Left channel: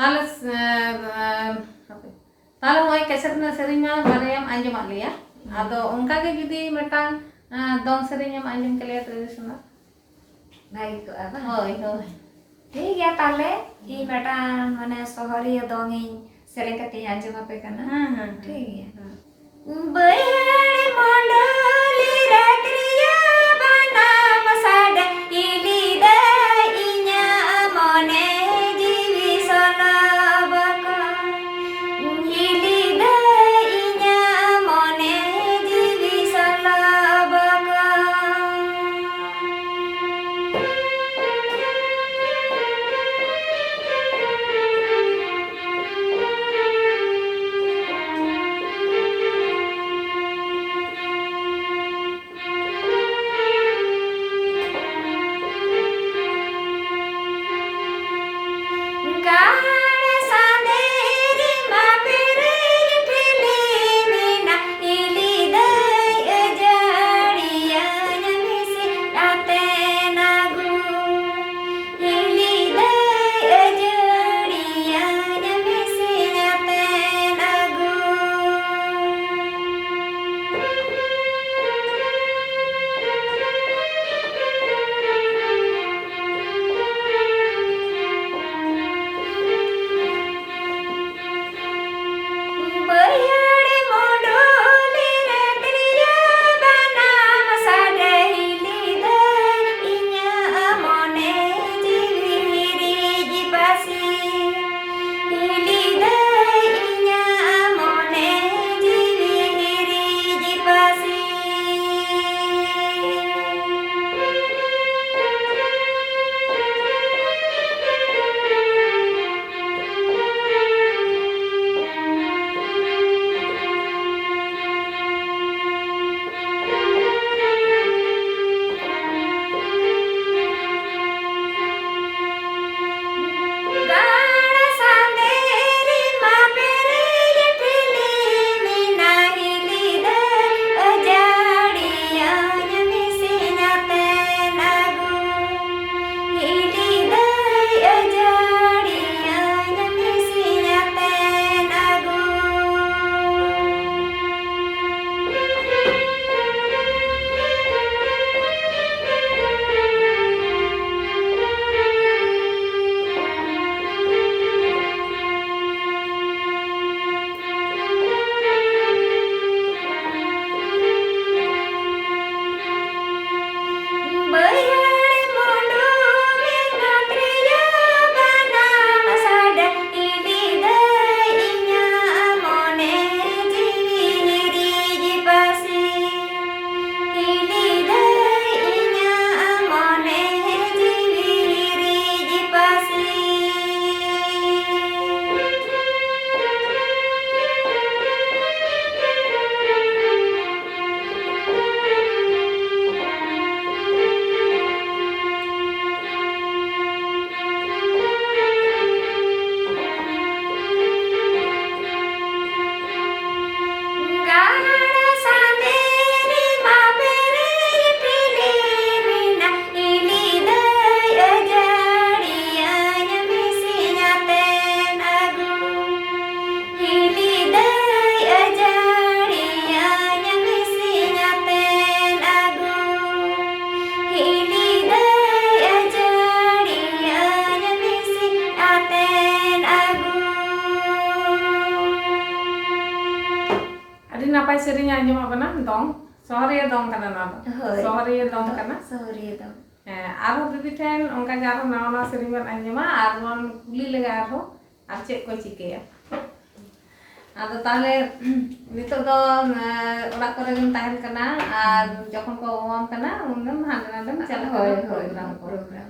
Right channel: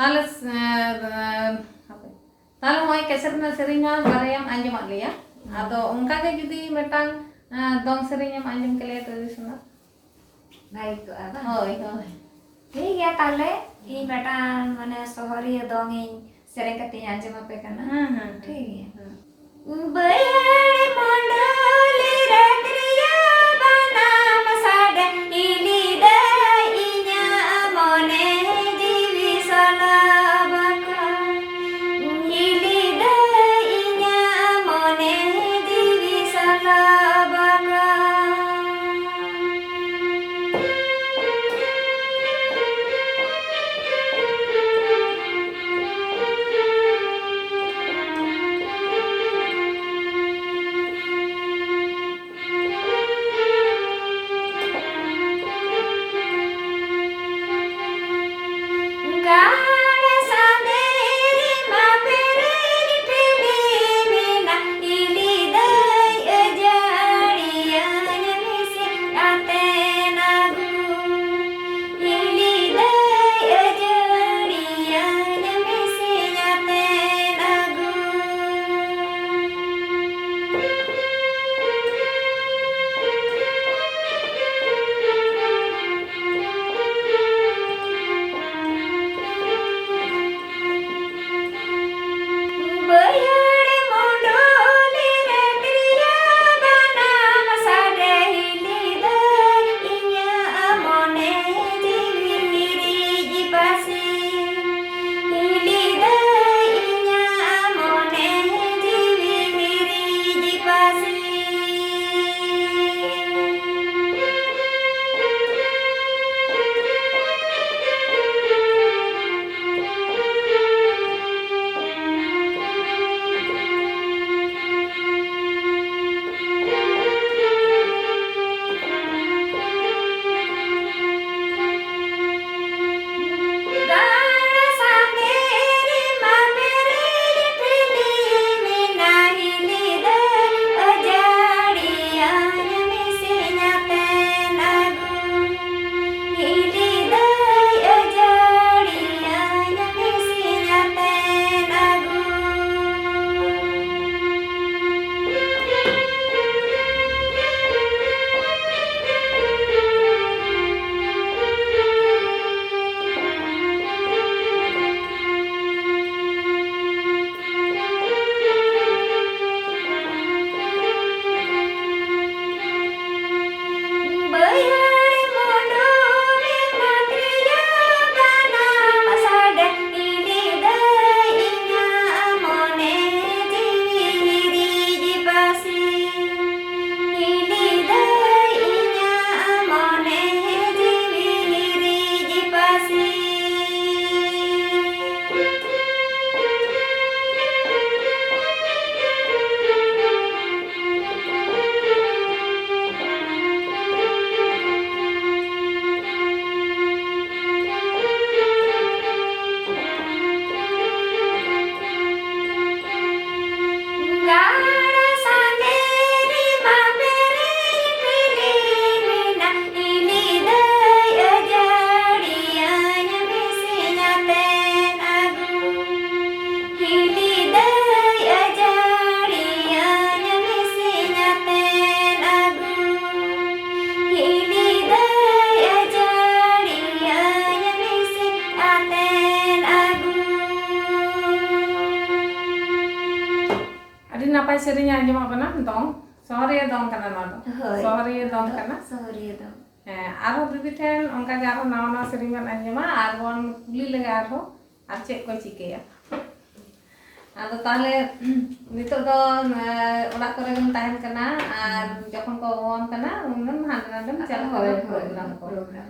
ताले ताले होय कैसेट ना सेरिंगा बारेम आंजम आलिया आदो उनका के जुदी मेटांग दong सेरिंग आंजम के लिए ट्रेडिशनल भाई तो अब होय होय ठीक है ताले ई बेटा माने सोहरी दong इन सेरेंग कती आंजम पे करना ठीक है बड़े मंडली रत्रिया बना मसाड इली दे इन्या मने जीवी सनाबका इली दे इन्या मने जीवी सनाबका गाना सानेरी मापेरे इटली मीना इली दे जड़िया मिसे आते नगु इली दे जड़िया मिसे आते नगु बड़े मंडली रत्रिया बना मसाड इली दे इन्या मने जीवी जीपासी इली दे इन्या मने जीवी जीपासी गाना सानेरी मापेरे इटली मीना इली दे जड़िया मिसे आते नगु इली दे जड़िया मिसे आते नगु बड़े मंडली रत्रिया बना मसाड इली दे इन्या मने जीवी जीपासी इली दे इन्या मने जीवी जीपासी गाना सानेरी मापेरे इटली मीना इली दे जड़िया मिसे आते नगु इली दे जड़िया मिसे आते नगु इली दे जड़िया मिसे आते नगु अभी नापाय सेरिंग आंजम अपना दong सोहरिया dong kana na होय सोहरिया dong kana सोहरी दong आरो दीदी ठेन उनका के आरो नावा नावा सेरिंग बन आंजमा आर वन कुली लगा आरो आर चेक को चिकेया आदो ताले नितो दो ओड़ा करे गन ताहेन kana आर जखन को ओन kana उनन हांडे नांडे चला होय kana होय प्रोग्राम को प्रोग्राम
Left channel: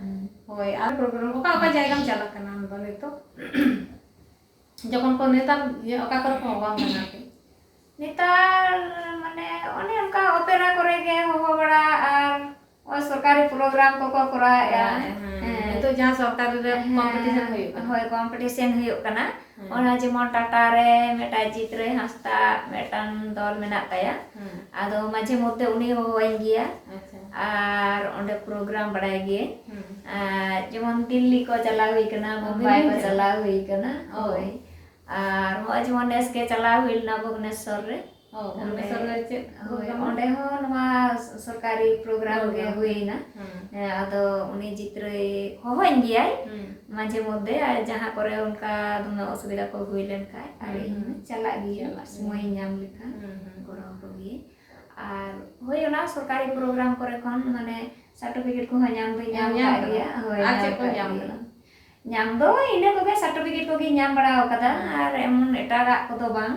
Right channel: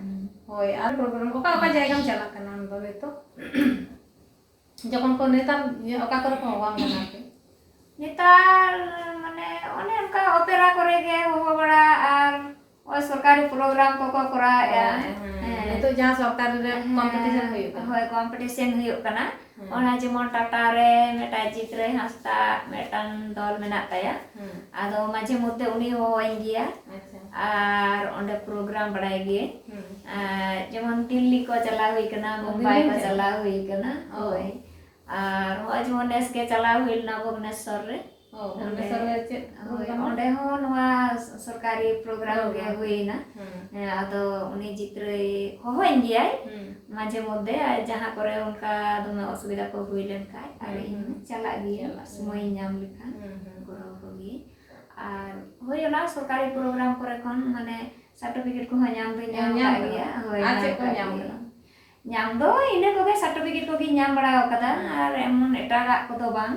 होय आर प्रोग्राम ओका ओका जायगा में चला kana दो नितो जखन को नेता ओका कर को ओन kana पे नेतार माने ओने उनका ओपेरा करे गे हो बड़ा और और सरकारी प्रोग्राम को कराया तो जहां सरकार रे कंपटीशन हुई होय कंपटीशन हुई कना ओना जेमन टाटा रे मेटा चित्र हंसता मेटान दल मेना ताया आदो माझे मध्य उनी हो गिया अच्छा আর অঁᱰে প্রোগ্রাম বাড়াই গিয়ে হুম যেমন দিল্লি কো চালাও হুই কানা মুম্বাই দিল্লি কো তে? চালাও হুই কানা ও। ওই আর হᱚᱜᱼᱚᱭ যেমন নেসকে চালাও হুইলনা ভুবনেশ্বর রে ও ভুবনেশ্বর রে চেᱫ ᱦᱳᱭ program? ᱚᱸᱰᱮ ᱦᱚᱸ ᱱᱚᱣᱟ ᱥᱚᱨᱠᱟরি ᱯᱨᱳᱜᱨᱟᱢ ᱜᱮ ᱦᱩᱭᱱᱟ হুম ᱟᱫᱚ ᱩᱱᱤ ᱡᱤᱛᱨᱟᱹᱭ ᱦᱚᱦᱚᱧ ᱜᱮᱭᱟᱭ হুম মাঝে মধ্যে আর যাহা করে অনকা দমে অসুবিধা ko হুই লেন খায় আর ইᱧ চালাᱜ ᱜᱮᱭᱟ সময় ᱧᱟᱢ ᱞᱮᱠᱷᱟᱱ হুম হুম ᱠᱚᱨᱟᱣ ᱠᱚ ᱜᱮ আর ᱦᱳᱭ ᱚᱱᱟ ᱥᱚᱨᱠᱟরি ᱯᱨᱳᱜᱨᱟᱢ ᱠᱚᱨᱮ ᱠᱷᱚᱱ ᱢᱟᱱᱮ ᱥᱟᱨᱴᱤᱯᱷᱤᱠᱮᱴ ᱠᱚᱦᱚᱸ ᱧᱟᱢ ᱫᱚᱧ ᱧᱟᱢ ᱧᱟᱢ ᱠᱟᱜ ᱠᱟᱫᱟ? ᱜᱮᱭᱟ ᱦᱳᱭ ᱟᱨ ᱧᱟᱢ ᱪᱮᱫ ᱠᱚ ᱠᱟᱜ ᱧᱟᱢ ᱜᱮᱭᱟ। ᱠᱟᱫᱟ? ᱧᱟᱢ ᱫᱚ ᱤᱱᱟᱹ ᱠᱚᱜᱮ ᱥᱟᱨᱴᱤᱯᱷᱤᱠᱮᱴ ᱠᱚᱜᱮᱧ ᱧᱟᱢ ᱵᱟᱲᱟ ᱟᱠᱟᱫᱟ ᱟᱨ ᱮᱢᱚᱱ ᱮᱴᱟᱜᱟᱜ ᱠᱚᱫᱚ ᱵᱟᱝ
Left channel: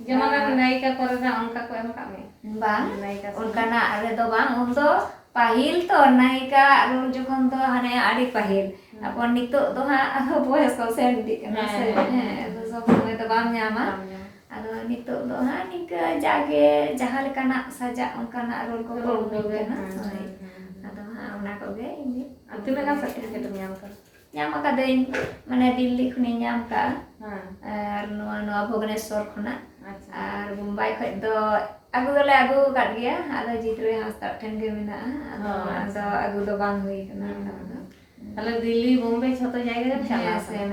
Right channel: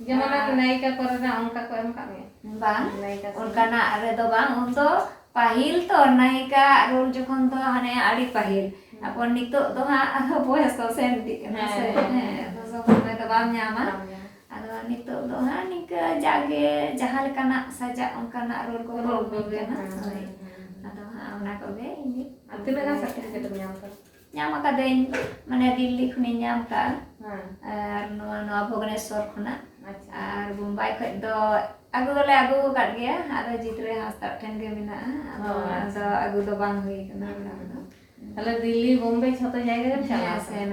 যেমন আপনি নায়িকা করেনা অঙ্কা কো এম কামে bang নায়িকা onkanak redo bang undo pahil to naika rol jokhon to hane adi pahil apon nitok to ha boyos ko sen dik kana se to so somoy to bang nyama ado nitok to ha nika jage jaha lekanak sajak onkanak rol ko Role ko ko ge, kana ado ha ona ko ge ini আর তুমি কাছে certificate নিয়াম কর nyam akadain mane dilli khuni nyam ka হ্যাঁ ar no Bhubaneswar khona আচ্ছা আর বোম্বাই খয় তো আগু দলে আগু কাট গিয়া আদা জিতরে হাসতা ঠেন গে মেনা আদা আগু do bang hui kana তাহলে দিল্লি বোম্বে ছোট জায়গায় চালা sen